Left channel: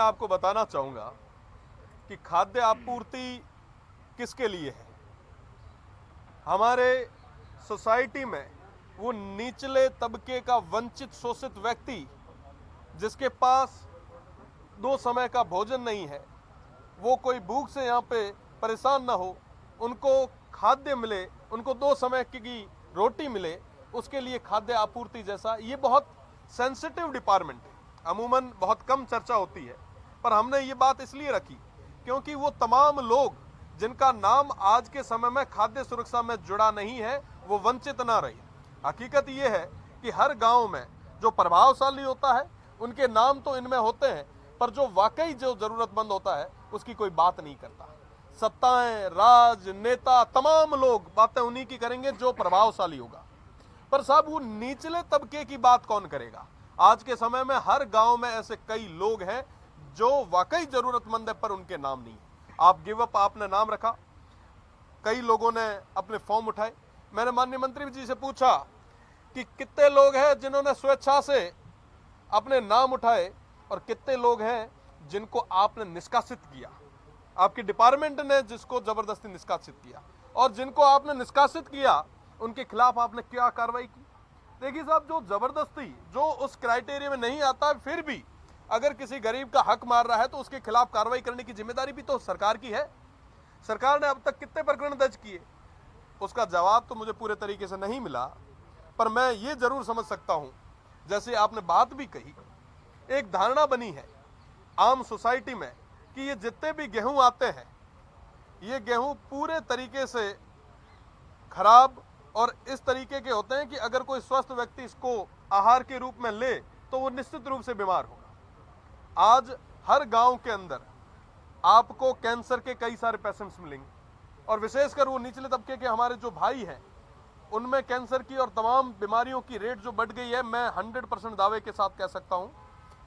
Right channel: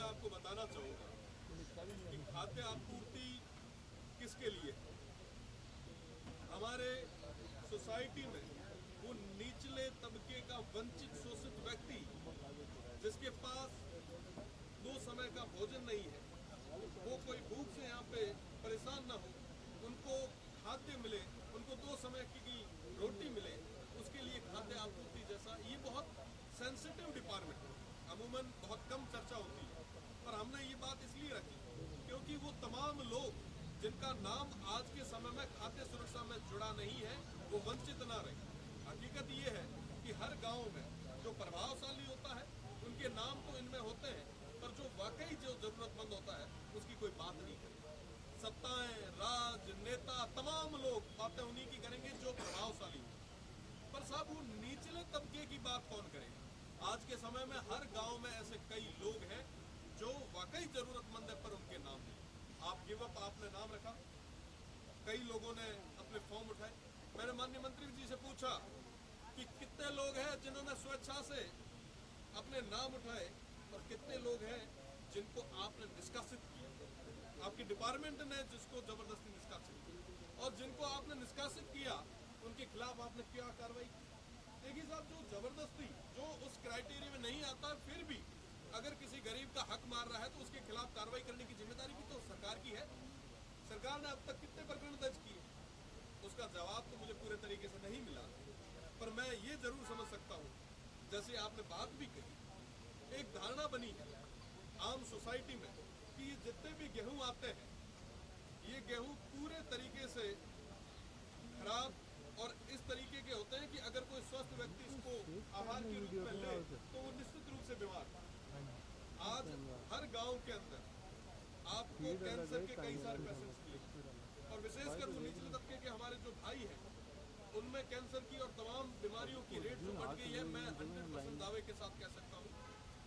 मैं आपको बताना चाहूँगा कि खाद्य आपूर्ति किसके लिए है। हमारे सोसाइटी में वो निचले तबके का वंचित शोषित व्यक्ति जिसके पास 2 समय का भोजन नहीं है, वो कोई भूख से यहाँ पे परेशान ना हो, उनको खाद्य मिले, उनको 2 समय की रोटी मिले, उसके लिए खाद्य आपूर्ति जैसा ये बहुत सेंसिटिव डिपार्टमेंट है। अमूमन बहुत कम चर्चा होती है, पर हमने ये बात इसलिए रखी क्योंकि वो तमाम लोग जिनका नाम आज के समय में खाद्य सुरक्षा में जुड़ा नहीं है, वो वंचित ना रहे। हकीकत ये है कि हर गांव में जो प्रभावशाली होता है उनके नाम तो इनमें होते हैं, पर जो वाकई जो जरूरतमंद होता है उसकी कोई बात नहीं करता। सत्ताएं, राजनेता, तमाम लोग बातें उन्हीं की करेंगे जो प्रभावशाली होगा, पर साहब वो निचले तबके की बात कौन करेगा। आज के समय में हर गांव में ऐसे कई लोग हैं जो वाकई जरूरतमंद है पर उनके नाम नहीं। आप गिव अप आपने नाम रखा, कई लोगों ने अपने फॉर्म उठाए। मैंने माननीय मंत्री जी से पूछा कि कितने लोग हैं जिन्होंने स्वेच्छा से अपने नाम उठाए और कितने लोग हैं जिनको आपने निष्कासित किया, आपके डिपार्टमेंट ने जिसको जबरदस्ती निष्कासित किया, और जिनको आपने निष्कासित किया उनके खिलाफ आपने क्या कार्रवाई की। देखिए साहब, जो जबरदस्ती जो उस क्राइटेरिया में नहीं आता फिर भी अगर किसी गरीब का हक मार रहा है तो उसके खिलाफ कार्रवाई करने की जिम्मेदारी भी तो सरकार की है। सरकार ने अब तक कितने प्रकरण दर्ज किए, उसका जवाब तो मुझे पूरे तरीके से नहीं मिला, पर मैं ये जरूर समझ सकता हूं, जैसे आपने बात भी कही, एक धारणा बनी है आम सोसाइटी में कि ये जितने भी गेहूं आते हैं ये गेहूं पूरे तरीके से खराब और इस तरीके के होते हैं कि अगर कोई स्वस्थ व्यक्ति इसको आहार के रूप में ले तो वो निश्चित रूप से बीमार होगा। आज हर गांव के अंदर आपको कैंसर के कई सारे पेशेंट्स मिलेंगे, और विशेषकर वो निचले तबके के हमारे जो भाई हैं उनमें कैंसर की और तमाम बीमारियों की रेट जो बढ़ गई है। मैं 100% दावे के साथ कह सकता हूं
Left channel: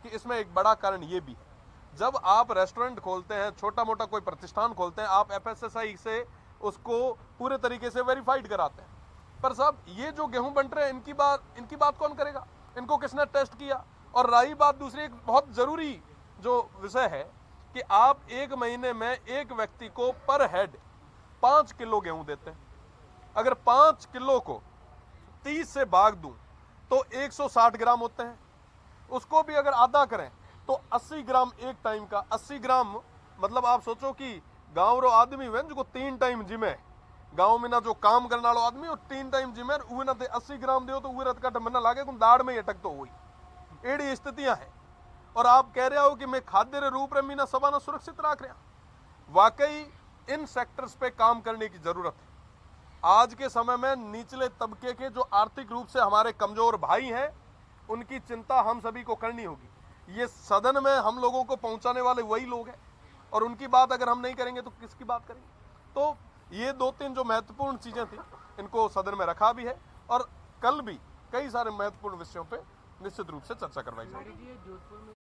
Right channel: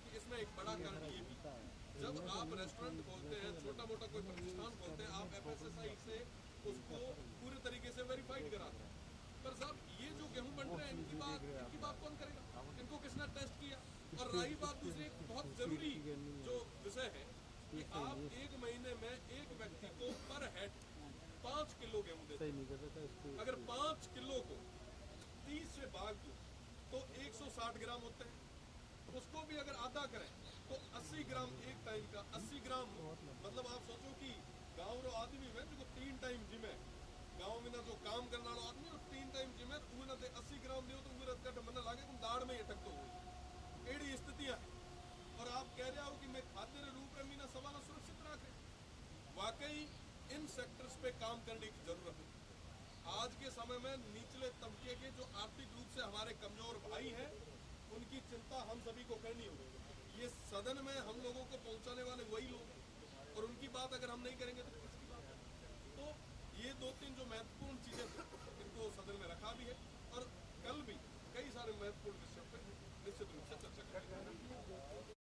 कि इसमें एक बड़ा कारण ये भी है। जब आप रेस्टोरेंट खोलते हैं, छोटा मोटा कोई प्रतिष्ठान खोलते हैं, आप FSSAI से उसको पूरे तरीके से वेरीफाइड कराते हैं, पर साहब ये जो गेहूं बंट रहे हैं इनकी बात कौन करेगा, इनको किसने टेस्ट किया। और रही बात दूसरी, एक बहुत जरूरी जो विषय है कि आप एक महीने में एक व्यक्ति को पर हेड 5 किलो गेहूं देते हैं। अगर 5 किलो को 30 से भाग दूं तो 160 ग्राम होते हैं। उसको भी अगर आधा करें तो 80 ग्राम एक टाइम का। 80 ग्राम मतलब आप सोचो कि गांव रो आदमी हुए जो 3 टाइम जिमे, गांव में ना जो काम करने वालों आदमी और 3 टाइम जिमे, उहे ना 80 ग्राम दियो तो उहे रत का डमना लागे तुम दाढ़ में अटक तो हुई। एड़ी स्थितियां हैं, और आप कह रहे हो कि मैं खाद्य रे रूप रे मीना सबाना सुरक्षित रख रहा। वाकई इन सेक्टर्स पे काम करने की जरूरत है। आज के समय में निचले तबके के जो आर्थिक रूप से हमारे कमजोर भाई हैं उनकी चिंता हम सभी को करनी होगी। ये सदन में हम लोगों को पहुंचाने वाले वही लोग हैं, और उनकी बात अगर हम नहीं करेंगे तो किसकी बात करेंगे। तो ये 2-3 जो महत्वपूर्ण चीजें थी इनको सदन में रखा भी है, और कल भी कई सारे महत्वपूर्ण विषयों पे निश्चित रूप से चर्चा करवाई जाएगी।